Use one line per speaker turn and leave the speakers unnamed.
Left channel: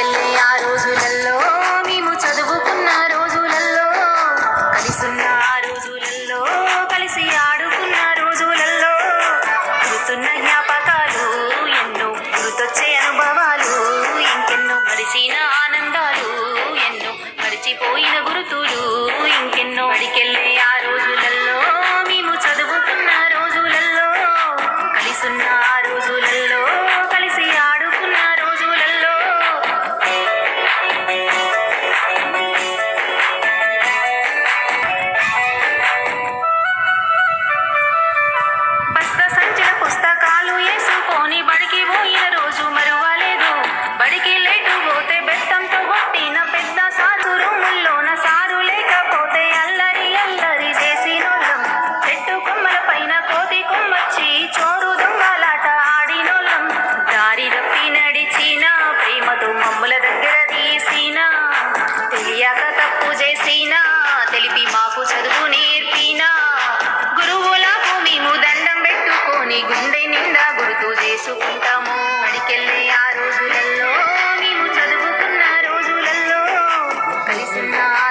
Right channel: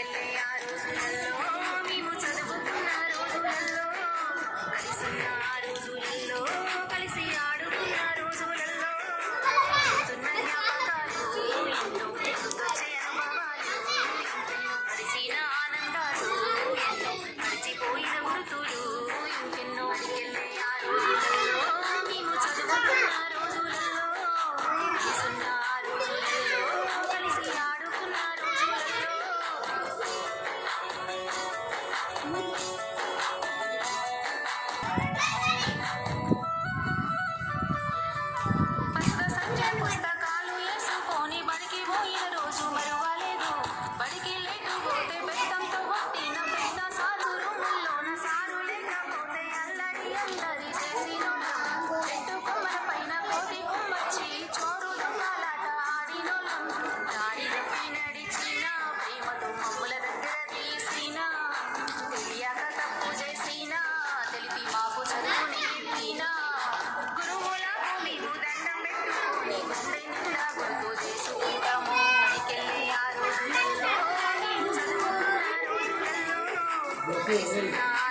తీసుకెళ్ళే ఆ రోజులలో మేము చదువుకున్న రోజులలో కలిసున్న ఆ రోజులలో కలిసి ఆడుకున్న రోజులలో గుర్తున్న జ్ఞాపకాలు ఎన్నో గుర్తొచ్చే అనుభవాలు ఇంకెన్నో గడిచిన ఆనందాలు ఎన్నో గడిచిపోయిన గుర్తులు. Felicidad.